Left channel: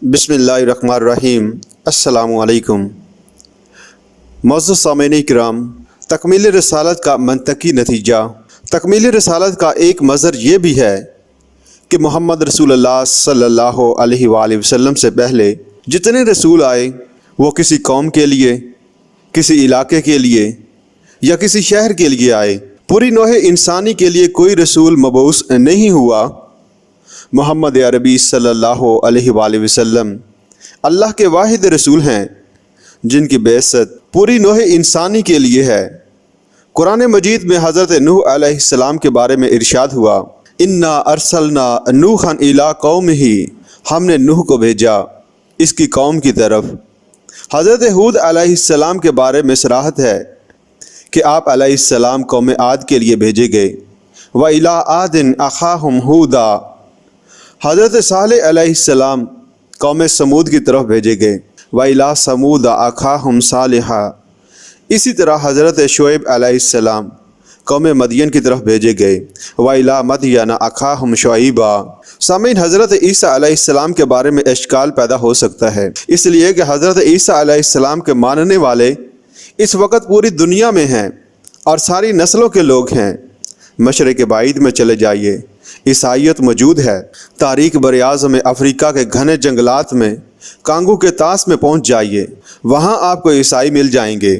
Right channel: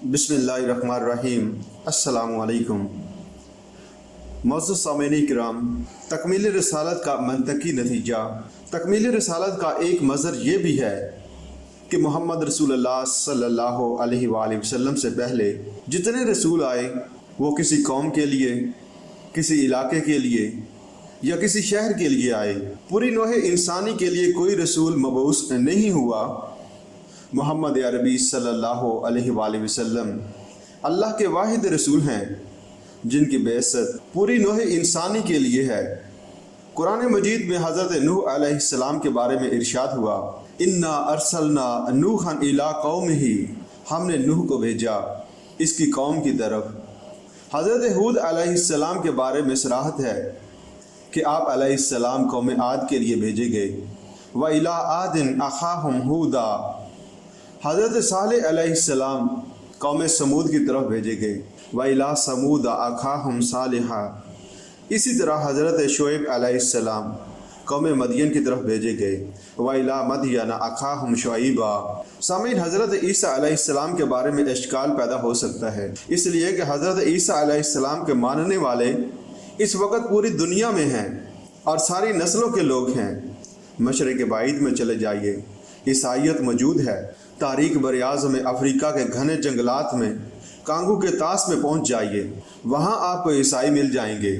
बिस्मिल्लाहिर्रहमानिर्रहीम। अस्सलामु अलैकुम। मुअज़्ज़ज़ सामीन किराम, तकमील रिसालत का मंतकी नतीजा। तकमील रिसालत का एक मज़र ये भी है कि मोहम्मद रसूलुल्लाह सल्लल्लाहु अलैहि वसल्लम से पहले जितने रसूल आए वो किसी कौम के लिए, किसी इलाके के लिए या किसी शहर के लिए आए। पूरी नौह इंसानी के लिए कोई रसूल मबऊस नहीं हुआ। मोहम्मद अरबी सल्लल्लाहु अलैहि वसल्लम अल्लाह के वाहिद रसूल हैं जिनकी बेइज्जत पूरी नौह इंसानी के लिए है। कुरान मजीद में हज़रत नूह अलैहिस्सलाम के बारे में इरशाद हुआ, इन्ना अरसलना नूहन इला कौमिही, हमने नूह को भेजा इसकी कौम की तरफ। हज़रत हूद अलैहिस्सलाम के बारे में सराहत है कि आप अलैहिस्सलाम कौम आद के लिए भेजे गए। व इला आदिन अखाहुम हूदा, हज़रत सालेह अलैहिस्सलाम कौम समूद की तरफ भेजे गए। व इला समूद अखाहुम सालिहा, इसी तरह हज़रत शुएब अलैहिस्सलाम कौम मदियन की तरफ भेजे गए। व इला मदियन अखाहुम शुएबा। सामीन, हज़रत ईसा अलैहिस्सलाम के बारे में इश्काल पैदा हो सकता है, इसलिए कि हज़रत ईसा अलैहिस्सलाम के मानने वाले इस वक्त पूरी दुनिया में हैं और सारी नस्लों के लोग हैं। मशरिक़ बाइद में चले जाइए, ईसाईयत मौजूद है। तारीख बर-ए-आज़म में अफ्रीका के घने जंगलात में कांगू के तास में पहुंच जाइए, वहां आपको ईसाई मिल जाएंगे।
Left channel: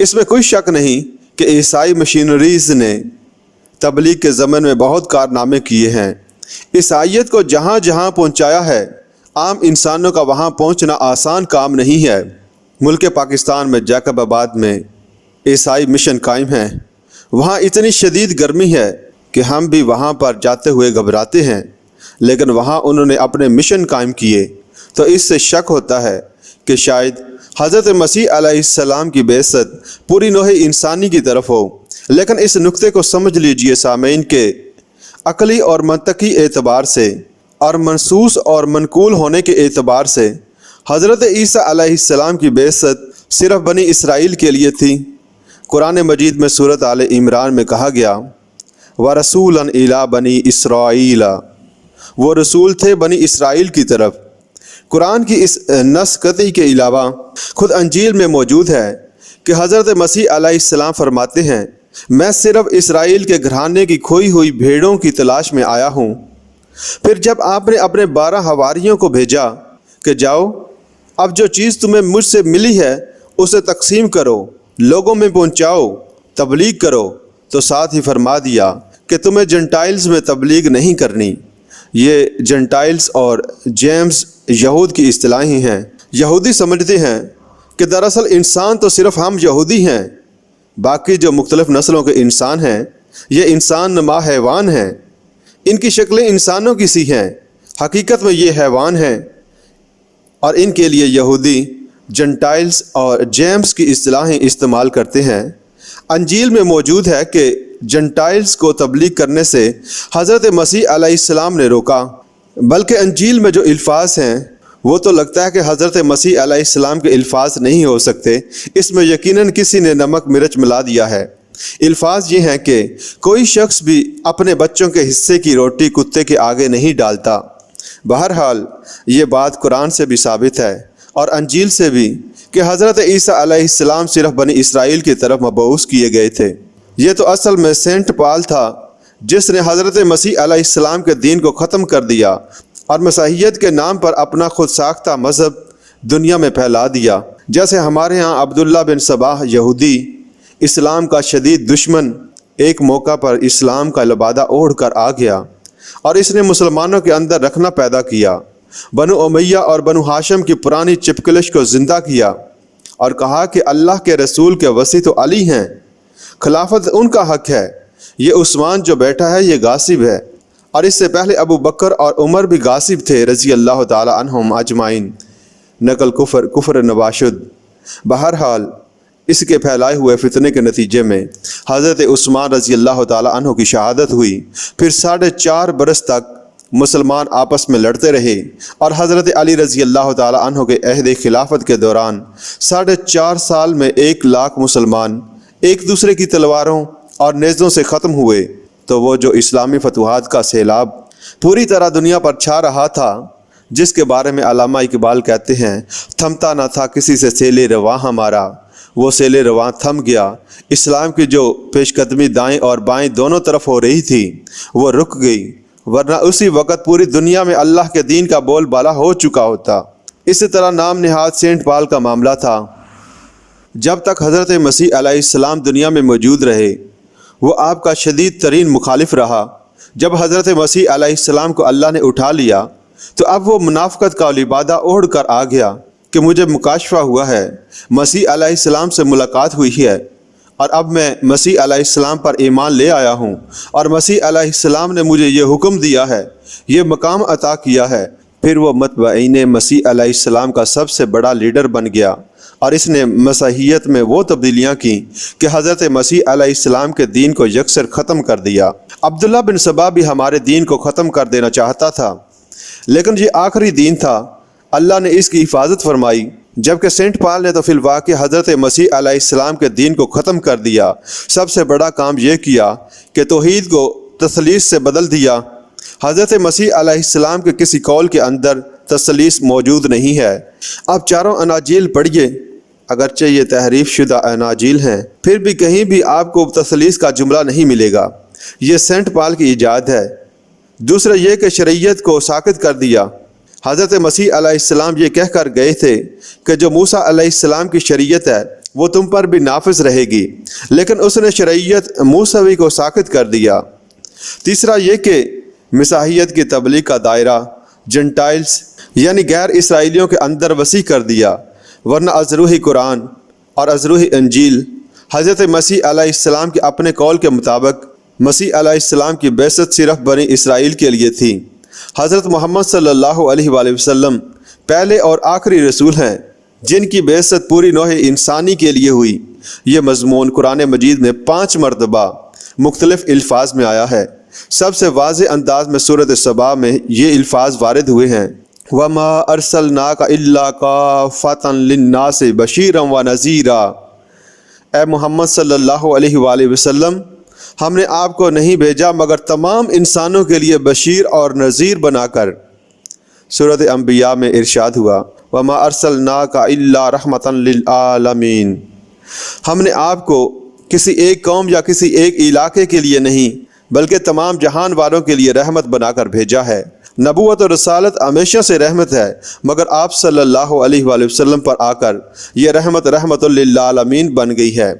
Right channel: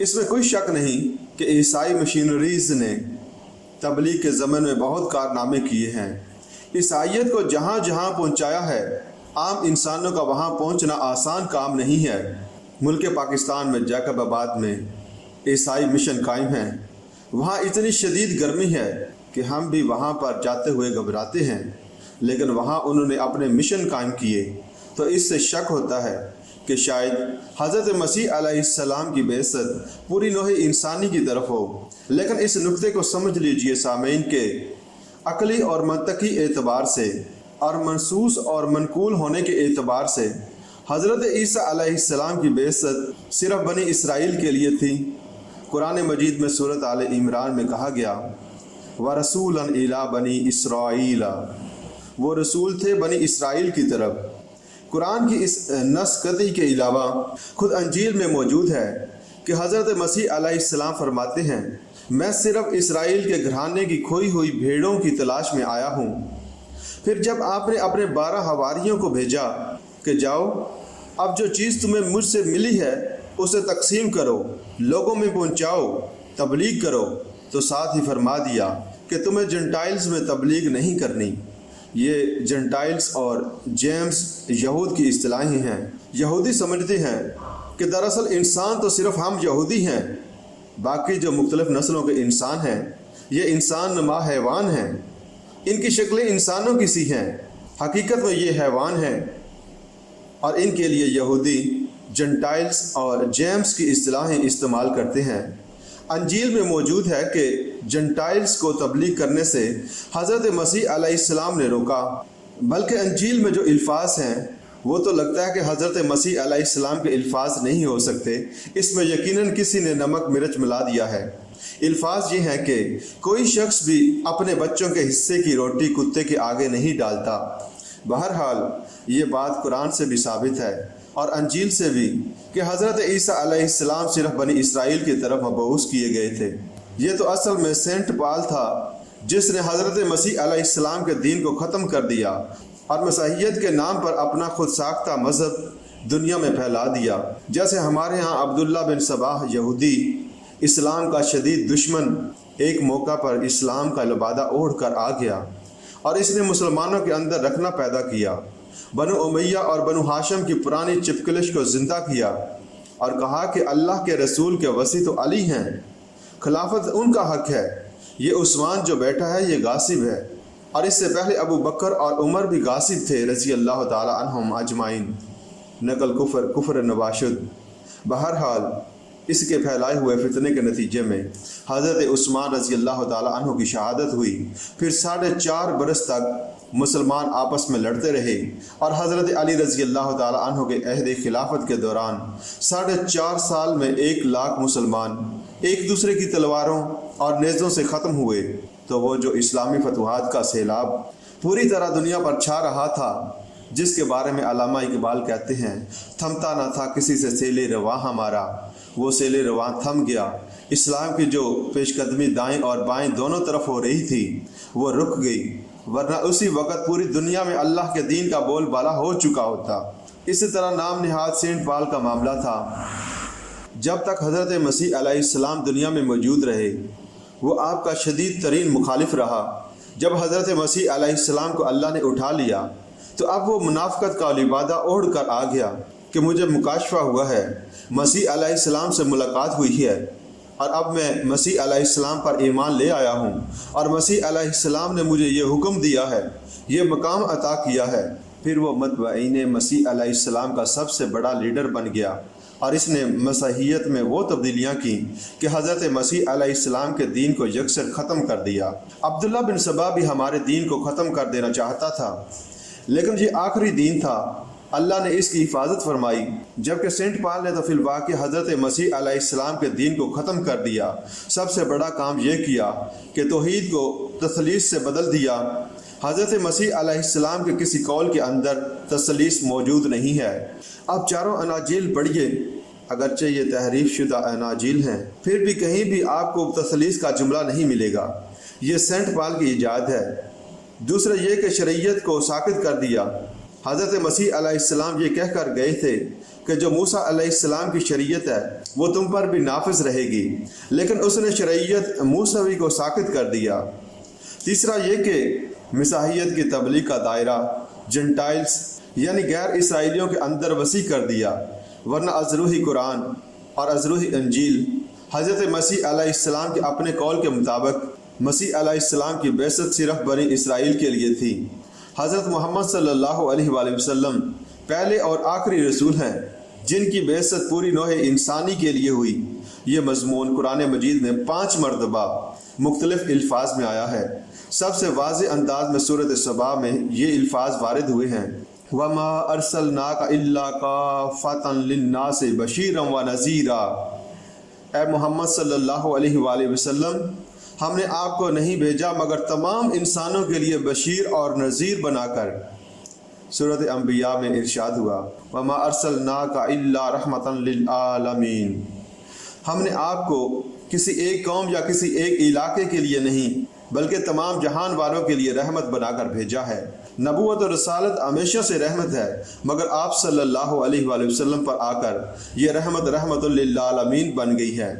इसमें कोई शक नहीं कि ईसाई मशीनरीज़ ने तबलीग के ज़मन में बहुत कारनामे किए हैं। ईसाईयत को जहाँ जहाँ पहुँचाया है, आम इंसानों का वहाँ पहुँचना आसान काम नहीं है। मुल्क पाकिस्तान में जैकबाबाद में ईसाई मिशन कायम है। वहाँ इतनी शदीद गर्मी है कि हम भी वहाँ पर जाते हुए घबराते हैं, लेकिन वहाँ उन्होंने अपने मिशन कायम किए। तो इससे शक होता है कि शायद हज़रत मसीह अलैहिस्सलाम की बेइज्जत पूरी नौह इंसानी की तरफ हो। लेकिन इस नुक्ते को समझ लीजिए सामीन के अक़ली और मंतकी एतबार से और मनसूस और मनकूल होने के एतबार से हज़रत ईसा अलैहिस्सलाम की बेइज्जत सिर्फ़ बनी इसराइल के लिए थी। कुरान मजीद में सूरत आले इमरान में कहा गया, व रसूलन इला बनी इसराइला, वो रसूल थे बनी इसराइल की तरफ। कुरान की इस नस कतई के अलावा खुद अंजील में मौजूद है कि हज़रत मसीह अलैहिस्सलाम फरमाते हैं, मैं सिर्फ़ इसराइल के घराने की खोई हुई भेड़ों की तलाश में आया हूँ। फिर जब आपने अपने 12 हवारियों को भेजा कि जाओ, अब जो चीज़ तुम्हें मुझसे मिली है उसे तकसीम करो, लोगों में पहुँचाओ, तबलीग करो, तो साथ ही फरमा दिया कि तुम्हें जेंटाइल्स में तबलीग नहीं करनी। ये जेंटाइल्स और जेम्स यहूद की इस्तिलाहें हैं। यहूदी समझते हैं कि दरअसल इंसान तो सिर्फ़ हम यहूदी हैं, बाकी जो मुख्तलिफ़ नस्लों के इंसान हैं ये इंसान नुमा हैवान हैं। इनकी शक्लें इंसानों की सी हैं, हकीकत में ये हैवान हैं। और इनके लिए यहूदी जेंटाइल्स और जेम्स की इस्तिलाहें इस्तेमाल करते हैं। अंजील में मौजूद है कि जेंटाइल्स को तबलीग करने से हज़रत मसीह अलैहिस्सलाम ने रोका, बल्कि अंजील में जो अल्फाज हैं वो तो लगता है कि हज़रत मसीह अलैहिस्सलाम के अल्फाज नहीं हो सकते। इसमें यकीनन किसी ने नमक मिर्च मिला दिया है। अल्फाज ये हैं कि कोई शख्स भी अपने बच्चों के हिस्से की रोटी कुत्ते के आगे नहीं डालता। बहरहाल ये बात कुरान से भी साबित है और अंजील से भी कि हज़रत ईसा अलैहिस्सलाम सिर्फ़ बनी इसराइल की तरफ मबऊस किए गए थे। ये तो असल में सेंट पाल था जिसने हज़रत मसीह अलैहिस्सलाम के दीन को ख़त्म कर दिया और मसीहियत के नाम पर अपना खुद साख्ता मज़हब दुनिया में फैला दिया। जैसे हमारे यहाँ अब्दुल्ला बिन सबाह यहूदी, इस्लाम का शदीद दुश्मन, एक मौका पर इस्लाम का लिबादा ओढ़ कर आ गया और इसने मुसलमानों के अंदर रखना पैदा किया। बनु उमैया और बनु हाशिम की पुरानी चिपकलिश को ज़िंदा किया और कहा कि अल्लाह के रसूल के वसी तो अली हैं, खिलाफत उनका हक है, ये उस्मान जो बैठा है ये गासिब है। और इससे पहले अबू बकर और उमर भी गासिब थे रज़ी अल्लाह ताला अन्हुम अजमाइन। नकल कुफर नवाशुद। बहरहाल इसके फैलाए हुए फितने के नतीजे में हज़रत उस्मान रज़ी अल्लाह ताला अन्हु की शहादत हुई। फिर 4.5 बरस तक मुसलमान आपस में लड़ते रहे और हज़रत अली रज़ी अल्लाह ताला अन्हु के अहद खिलाफत के दौरान 4.5 साल में 1 लाख मुसलमान एक दूसरे की तलवारों और नेज़ों से ख़त्म हुए। तो वो जो इस्लामी फतवाहत का सैलाब पूरी तरह दुनिया पर छा रहा था, جس کے بارے میں علامہ اقبال کہتے ہیں، تھمتا نہ تھا کسی سے سیل رواں ہمارا، وہ سیل رواں تھم گیا۔ اسلام کی جو پیش قدمی دائیں اور بائیں دونوں طرف ہو رہی تھی وہ رک گئی، ورنہ اسی وقت پوری دنیا میں اللہ کے دین کا بول بالا ہو چکا ہوتا۔ اسی طرح نام نہاد سینٹ پال کا معاملہ تھا۔ جب تک حضرت مسیح علیہ السلام دنیا میں موجود رہے وہ آپ کا شدید ترین مخالف رہا۔ جب حضرت مسیح علیہ السلام کو اللہ نے اٹھا لیا تو اب وہ منافقت کا لبادہ اوڑھ کر آ گیا کہ مجھے مکاشفہ ہوا ہے، مسیح علیہ السلام سے ملاقات ہوئی ہے اور اب میں مسیح علیہ السلام پر ایمان لے آیا ہوں، اور مسیح علیہ السلام نے مجھے یہ حکم دیا ہے، یہ مقام عطا کیا ہے۔ پھر وہ متبعین مسیح علیہ السلام کا سب سے بڑا لیڈر بن گیا، اور اس نے مسیحیت میں وہ تبدیلیاں کی کہ حضرت مسیح علیہ السلام کے دین کو یکسر ختم کر دیا۔ عبداللہ بن سبا بھی ہمارے دین کو ختم کر دینا چاہتا تھا، لیکن یہ آخری دین تھا، اللہ نے اس کی حفاظت فرمائی، جبکہ سینٹ پال نے تو فی الواقع حضرت مسیح علیہ السلام کے دین کو ختم کر دیا۔ سب سے بڑا کام یہ کیا کہ توحید کو تثلیث سے بدل دیا۔ حضرت مسیح علیہ السلام کے کسی قول کے اندر تثلیث موجود نہیں ہے۔ آپ چاروں اناجیل پڑھیے، اگرچہ یہ تحریف شدہ اناجیل ہیں، پھر بھی کہیں بھی آپ کو تثلیث کا جملہ نہیں ملے گا۔ یہ سینٹ پال کی ایجاد ہے۔ دوسرا یہ کہ شریعت کو ساقط کر دیا۔ حضرت مسیح علیہ السلام یہ کہہ کر گئے تھے کہ جو موسیٰ علیہ السلام کی شریعت ہے وہ تم پر بھی نافذ رہے گی، لیکن اس نے شریعت موسوی کو ساقط کر دیا۔ تیسرا یہ کہ مسیحیت کی تبلیغ کا دائرہ جنٹائلز یعنی غیر اسرائیلیوں کے اندر وسیع کر دیا، ورنہ از روح قرآن اور از روح انجیل حضرت مسیح علیہ السلام کے اپنے قول کے مطابق مسیح علیہ السلام کی بعثت صرف بنی اسرائیل کے لیے تھی۔ حضرت محمد صلی اللہ علیہ وآلہ وسلم پہلے اور آخری رسول ہیں جن کی بعثت پوری نوع انسانی کے لیے ہوئی۔ یہ مضمون قرآن مجید میں 5 مرتبہ مختلف الفاظ میں آیا ہے۔ سب سے واضح انداز میں سورۃ سبا میں یہ الفاظ وارد ہوئے ہیں، وَمَا أَرْسَلْنَاكَ إِلَّا كَافَّةً لِلنَّاسِ بَشِيرًا وَنَذِيرًا۔ اے محمد صلی اللہ علیہ وآلہ وسلم، ہم نے آپ کو نہیں بھیجا مگر تمام انسانوں کے لیے بشیر اور نذیر بنا کر۔ سورۃ انبیاء میں ارشاد ہوا، وَمَا أَرْسَلْنَاكَ إِلَّا رَحْمَةً لِلْعَالَمِينَ۔ ہم نے آپ کو کسی ایک قوم یا کسی ایک علاقے کے لیے نہیں بلکہ تمام جہان والوں کے لیے رحمت بنا کر بھیجا ہے۔ نبوت اور رسالت ہمیشہ سے رحمت ہے، مگر آپ صلی اللہ علیہ وآلہ وسلم پر آ کر یہ رحمت للعالمین بن گئی ہے۔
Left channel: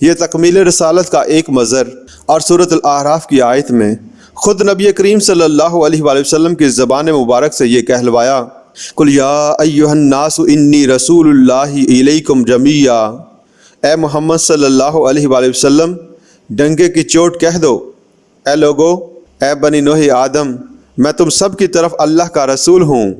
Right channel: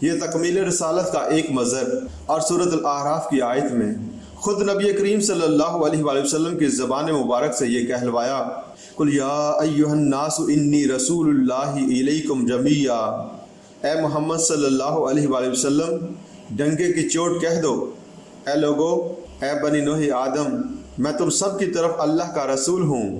یہ تکمیل رسالت کا ایک مظہر۔ اور سورۃ الاعراف کی آیت میں خود نبی کریم صلی اللہ علیہ وآلہ وسلم کی زبان مبارک سے یہ کہلوایا، قُلْ يَا أَيُّهَا النَّاسُ إِنِّي رَسُولُ اللَّهِ إِلَيْكُمْ جَمِيعًا۔ اے محمد صلی اللہ علیہ وآلہ وسلم، ڈنگے کی چوٹ کہہ دو، اے لوگو، اے بنی نوح آدم، میں تم سب کی طرف اللہ کا رسول ہوں۔